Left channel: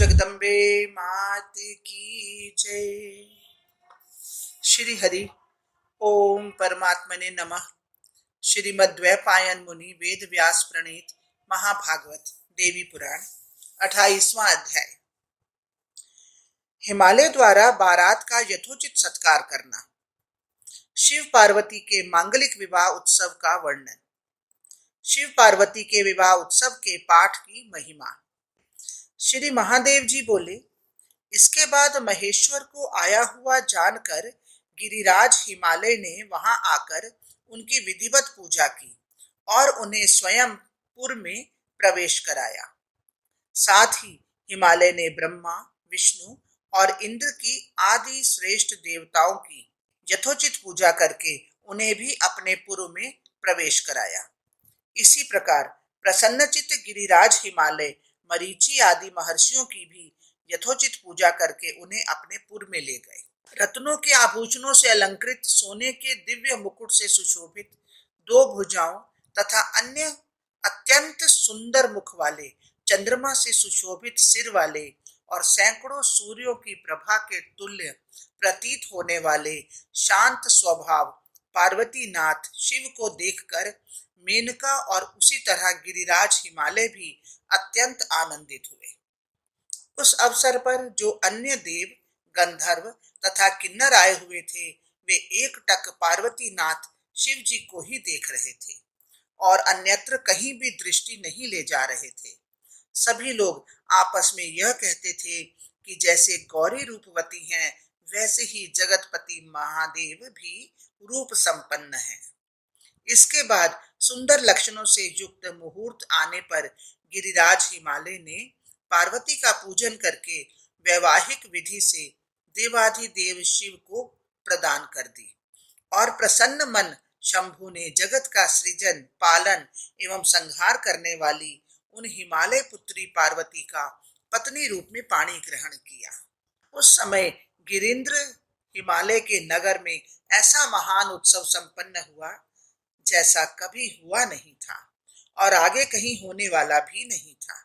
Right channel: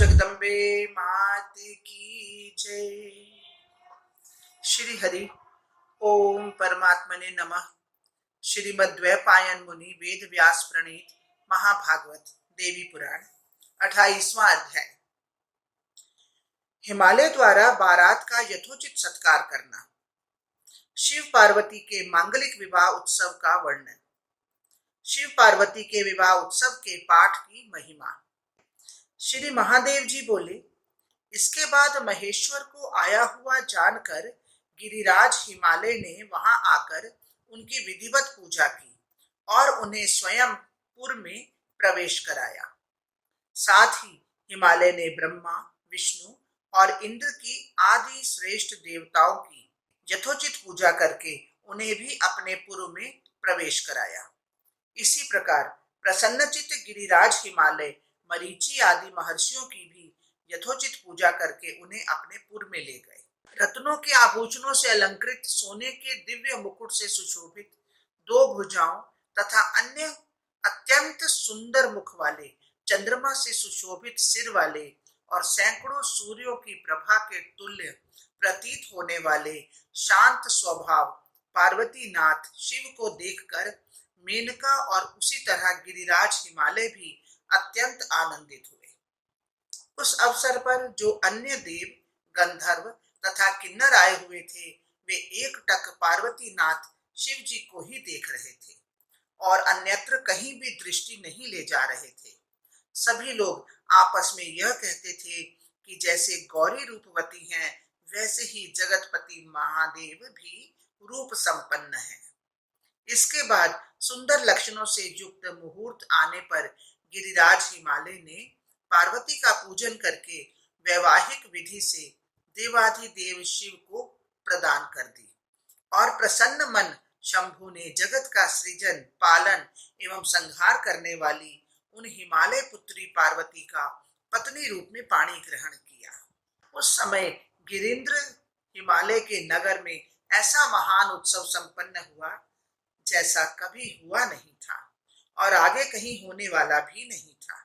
जगदम्बे मात की जय। श्री हरि ओम परमात्मने नमः। श्रीमद्वैपायन मुनि वेद व्यास प्रणीत महाभागवत देवी पुराण 28वां अध्याय। हिमालय द्वारा बारात का यथोचित सत्कार करना। शिव पार्वती के मांगलिक विवाह उत्सव का वर्णन। शिव पार्वती के विवाह उत्सव के पाठ की महिमा। श्री महादेव जी बोले, इसके बाद महेश्वर को आया हुआ जानकर गिरिराज हिमालय ने वहां आकर उनकी विधिवत पूजा की और उन्हें स्वयं पुर में प्रवेश कराया। साथ ही हिमालय ने ब्रह्मा, विष्णु और इंद्र की आदि श्रेष्ठ देवताओं की यथोचित पूजा करके उन्हें भी अपने पुर में प्रवेश कराया। इसी प्रकार प्रसन्नचित्त गिरिराज हिमालय मरीचि आदि महर्षियों की भी यथोचित पूजा करके उन्हें अपने पुर में ले गए। रत्नों के आभूषणों से अलंकृत, सोने के दिव्य मुकुट से सुशोभित, 2 भुजाओं तथा अन्य अत्यंत सुंदर मुख वाले, चंद्रमा से सुशोभित सिर वाले और सैकड़ों सूर्यों की प्रभा के तुल्य प्रतीत होने वाले शांत स्वभाव पार्वती नाथ शिव को देखकर मेनका और उसी तरह गिरिराज हिमालय भी अत्यंत आनंदित हुए। उस अवसर पर जो अन्य देव, गंधर्व तथा किन्नर आए हुए थे, वे एकटक पार्वती नाथ शिव जी को ही देख रहे थे और अन्यत्र कहीं भी दृष्टि नहीं ले जा रहे थे। सभी लोग आपस में यह कहते थे कि जैसे गौरी रूपवती हैं, वैसे ही जगतपति महादेव भी रूप संपन्न हैं। इसके बाद सुंदर लक्षणों से युक्त मुहूर्त आने पर गिरिराज हिमालय ने पार्वती का पूजन करके वैवाहिक विधि से देवाधिदेव शिव को प्रदान कर दी और प्रसन्न मन शंभु ने जगत का सृजन, पालन एवं संहार करने वाली उन हिमालय पुत्री पार्वती का पत्नी रूप में पाणी ग्रहण किया। उस समय गिरिंद्र हिमालय के नगर में ऐसा महान उत्सव संपन्न हुआ जैसा कभी हुआ नहीं था और आगे कहीं होने वाला भी नहीं था।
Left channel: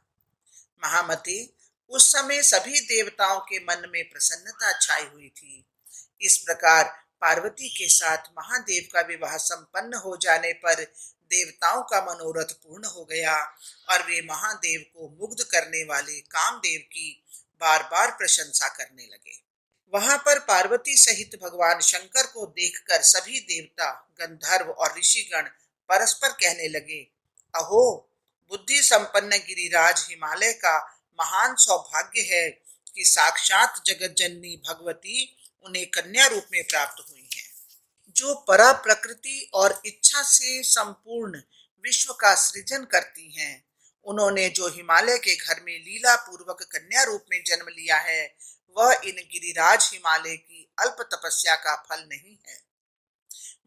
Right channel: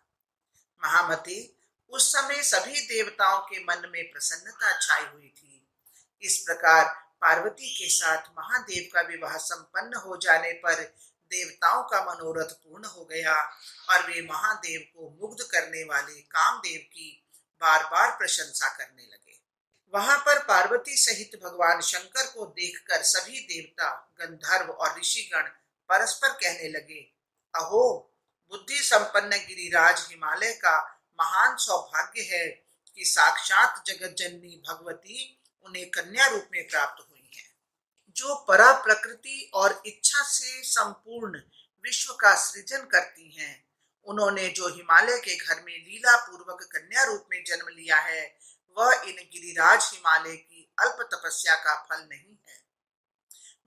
महामते, उस समय सभी देवताओं के मन में प्रसन्नता छाई हुई थी। इस प्रकार पार्वती के साथ महादेव का विवाह संपन्न हो जाने पर देवताओं का मनोरथ पूर्ण हो गया और वे महादेव को मुग्ध करने वाले कामदेव की बार बार प्रशंसा करने लगे। वहां पर पार्वती सहित भगवान शंकर को देखकर सभी देवता, गंधर्व और ऋषिगण परस्पर कहने लगे, अहो, बुद्धि संपन्न गिरिराज हिमालय का महान सौभाग्य है कि साक्षात जगत जननी भगवती उन्हें कन्या रूप में प्राप्त हुई है। जो परा प्रकृति और इच्छा से संपूर्ण विश्व का सृजन करती हैं, उन्होंने जो हिमालय के घर में लीला पूर्वक कन्या रूप में जन्म लिया है, वह इन गिरिराज हिमालय की अल्प तपस्या का फल नहीं है।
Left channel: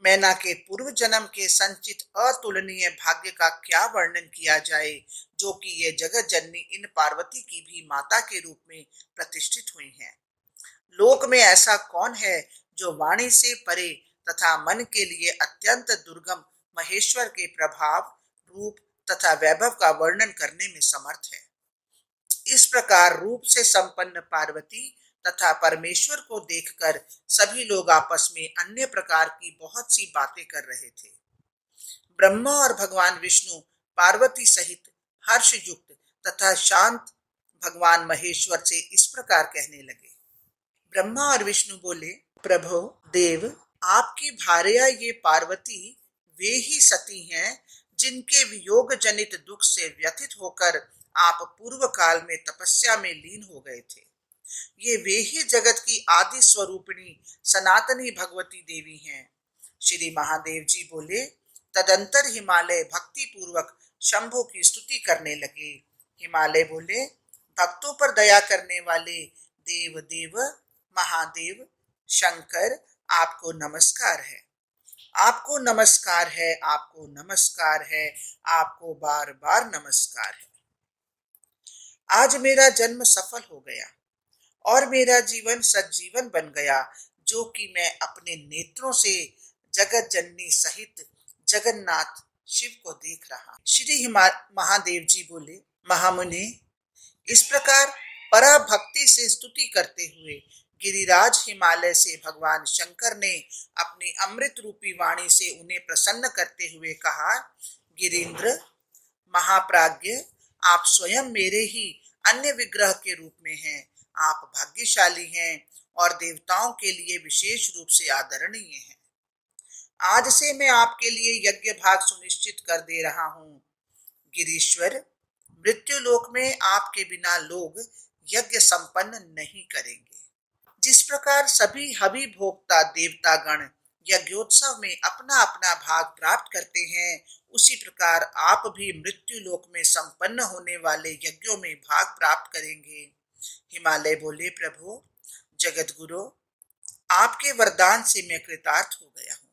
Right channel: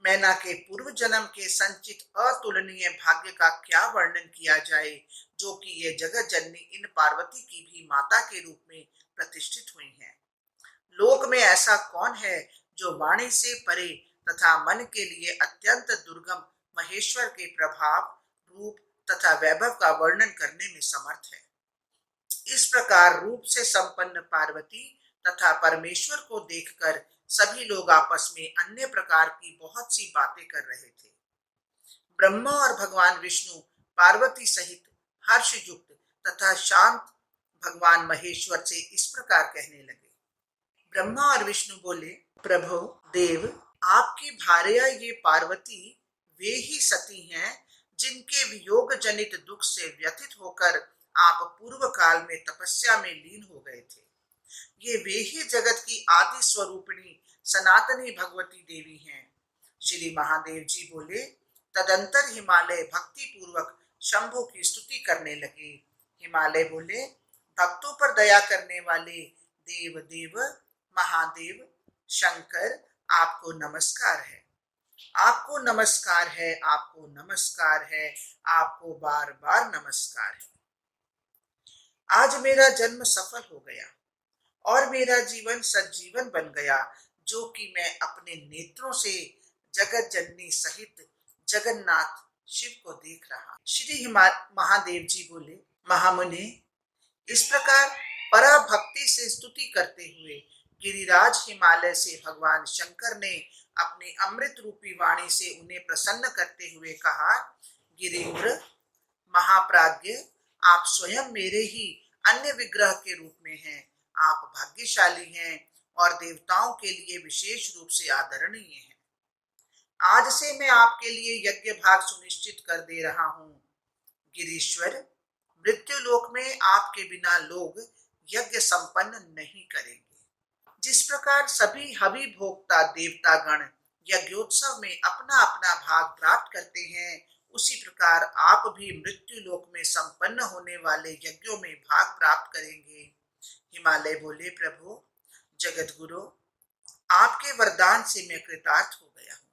मैना के पूर्व जन्म के संचित अतुलनीय भाग्य का क्या वर्णन किया जाए, जो कि ये जगत जननी इन पार्वती की भी माता के रूप में प्रतिष्ठित हुई हैं। लोक में ऐसा कौन है जो वाणी से परे तथा मन के लिए अत्यंत दुर्गम महेश्वर के प्रभाव, रूप तथा वैभव का वर्णन करने में समर्थ है। इस प्रकार रूप से संपन्न पार्वती तथा परमेश्वर को देखकर सभी लोग आपस में अन्य प्रकार की बहुत सी बातें कर रहे थे। ब्रह्मा और भगवान विष्णु पार्वती सहित हर्ष युक्त तथा शांत भगवान महेश्वर से इस प्रकार कहने लगे। ब्रह्मा और विष्णु बोले, प्रभु देव, आपकी भार्या ये पार्वती वे ही सती हैं जिनके वियोग जनित दुख से व्यथित होकर आप पूर्व काल में तपस्या में लीन हो गए थे। ये वे ही जगत की आदि स्वरूपिणी सनातनी भगवती देवी हैं। श्री महादेव जी बोले, तदंतर हिमालय भक्ति पूर्वक शंभु की स्तुति करने लगे। हिमालय बोले, भक्तों पर दया करने वाले देव देव महादेव शंकर, आपको नमस्कार है, आपको नमस्कार है, आपको नमस्कार है, आपको बार बार नमस्कार है। आज मेरा जन्म सफल हो गया और मेरा जीवन सज्जीवन बन गया, जो कि मैं अपने नेत्रों से जगत जननी सहित जगन्नाथ शिव को देख रहा। श्री महादेव जी बोले, महामुनि, इस प्रकार पराभक्ति से स्तुति करते हुए गिरिराज हिमालय से भगवान शंकर ने अपनी अमृत रूपी वाणी से उन्हें प्रसन्न करते हुए कहा, गिरीन्द्र महाप्राज्ञ, आप स्वयं मेरे ही अन्य विग्रह के रूप में हैं। आप भाग्यशाली हैं और देवताओं के लिए विशेष रूप से आदरणीय हैं। आज से मैं आपके लिए यज्ञ भाग सुनिश्चित कर दे रहा हूँ। गिरीश्वर, मृत्यु लोक में आपके बिना लोग यज्ञ संपन्न नहीं करेंगे। जिस प्रकार सभी हवि भोक्ता देवता गण यज्ञोत्सव में अपना अपना भाग प्राप्त करते हैं, उसी प्रकार आप भी मृत्यु लोक में संपन्न होने वाले यज्ञों में भाग प्राप्त करेंगे। हिमालय बोले, प्रभु जगत गुरु, आपके वरदान से मैं कृतार्थ हो गया हूँ।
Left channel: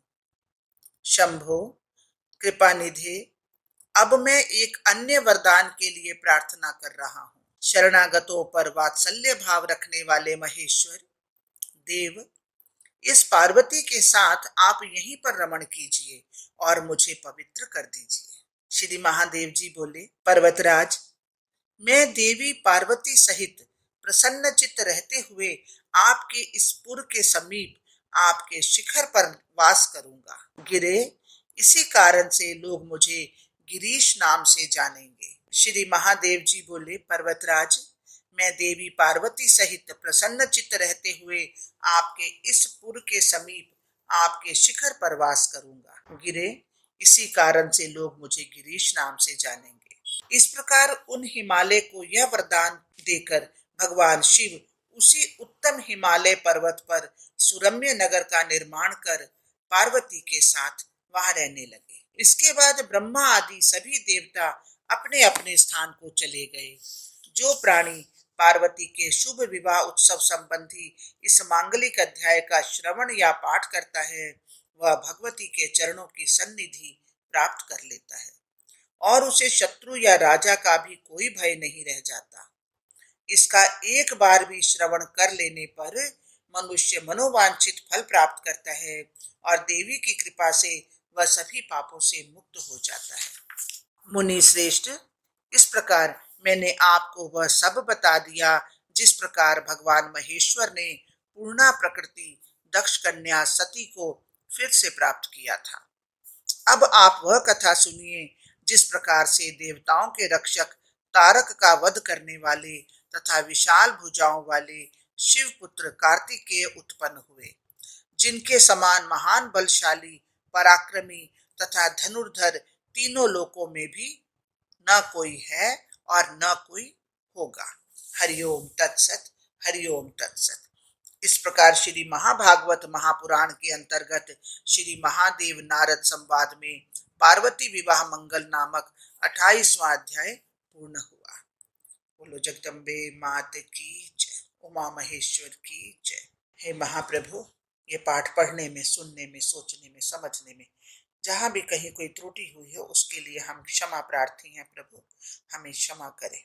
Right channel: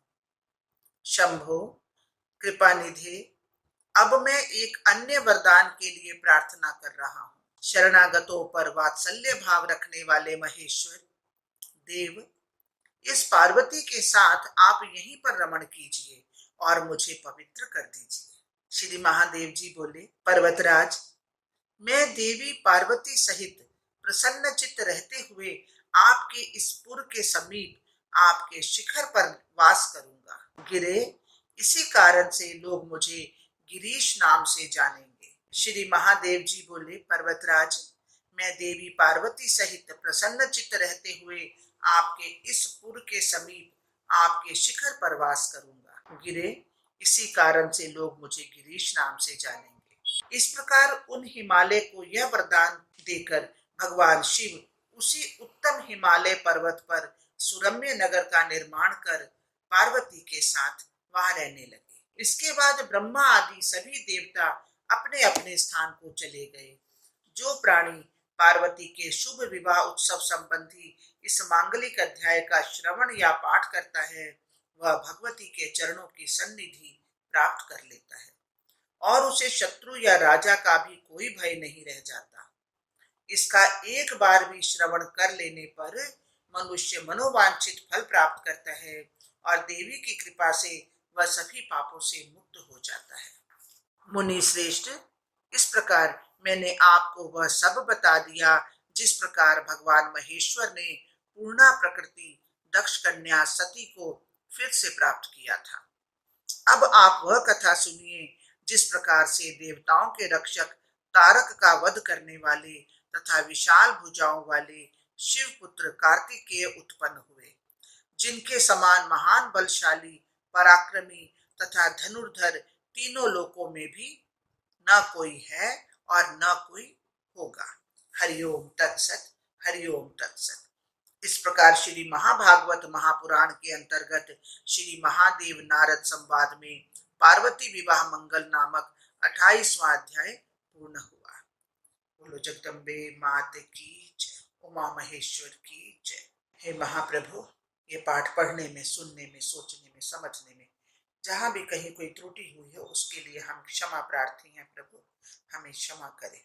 शंभो कृपा निधे, अब मैं एक अन्य वरदान के लिए प्रार्थना कर रहा हूँ। शरणागतों पर वात्सल्य भाव रखने वाले महेश्वर देव, इस पार्वती के साथ आप यहीं पर रमण कीजिए और मुझे पवित्र कर दीजिए। श्री महादेव जी बोले, पर्वतराज, मैं देवी पार्वती सहित प्रसन्न चित्त रहते हुए आपके इस पुर के समीप आपके शिखर पर वास करूंगा। गिरे, इसी कारण से लोग मुझे गिरीश नाम से जानेंगे। श्री महादेव जी बोले, पर्वतराज, मैं देवी पार्वती सहित प्रसन्न चित्त रहते हुए आपके इस पुर के समीप आपके शिखर पर वास करूंगा। गिरे, इसी कारण से लोग मुझे गिरीश नाम से जानेंगे। इस प्रकार उन हिमालय को यह वरदान देकर भगवान शिव उसी उत्तम हिमालय पर्वत पर सुरम्य नगर का निर्माण कर पार्वती के साथ वहां रहने लगे। इसके बाद ब्रह्मा आदि सभी देवता अपने अपने स्थान को चले गए। जो प्राणी पार्वती के शुभ विवाह उत्सव संबंधी इस मांगलिक अध्याय का श्रवण या पाठ करता है, वह भगवती के चरणों की सन्निधि प्राप्त कर लेता है और उसे शत्रु या राजा का भी कोई भय नहीं रह जाता। इसका एक बार भी श्रवण कर लेने पर मनुष्य मनोवांछित फल प्राप्त करता है और देवी की कृपा से वह सभी पापों से मुक्त हो जाता है। मुनि श्रेष्ठ, इस प्रकार मैंने आपको वह सब बता दिया जिस प्रकार भगवान महेश्वर ने पूर्णा प्रकृति दक्ष कन्या सती को फिर से प्राप्त किया था। अब आप वह कथा सुनिए जिस प्रकार से देवताओं के रक्षक तारक का वध करने वाले तथा विशाल भुजाओं वाले शिव पुत्र कार्तिकेय उत्पन्न हुए, जिनके समान महान बलशाली पराक्रमी तथा धनुर्धर तीनों लोकों में भी न कोई है और न कोई होगा। हरिओम तत्सत, हरिओम तत्सत। इस प्रकार श्री महाभागवत महापुराण के अंतर्गत श्री महादेव नारद संवाद में पार्वती विवाह मंगल नामक 28वां अध्याय पूर्ण हुआ। बोलो जगदम्बे मात की जय, उमा महेश्वर की जय। हे महाप्रभु, ये पाठ पढ़ने में, सुनने में, सोचने में, समझने में जहां भी कहीं कोई त्रुटि हुई है उसके लिए हम क्षमा प्रार्थी हैं। प्रभु हमें क्षमा करें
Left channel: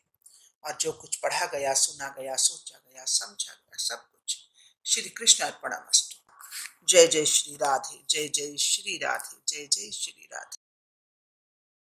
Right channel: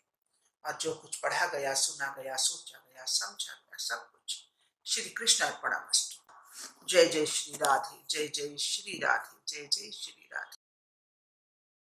और जो कुछ पढ़ा गया, सुना गया, सोचा गया, समझा गया, सब कुछ श्री कृष्ण अर्पणमस्तु। जय जय श्री राधे, जय जय श्री राधे, जय जय श्री राधे।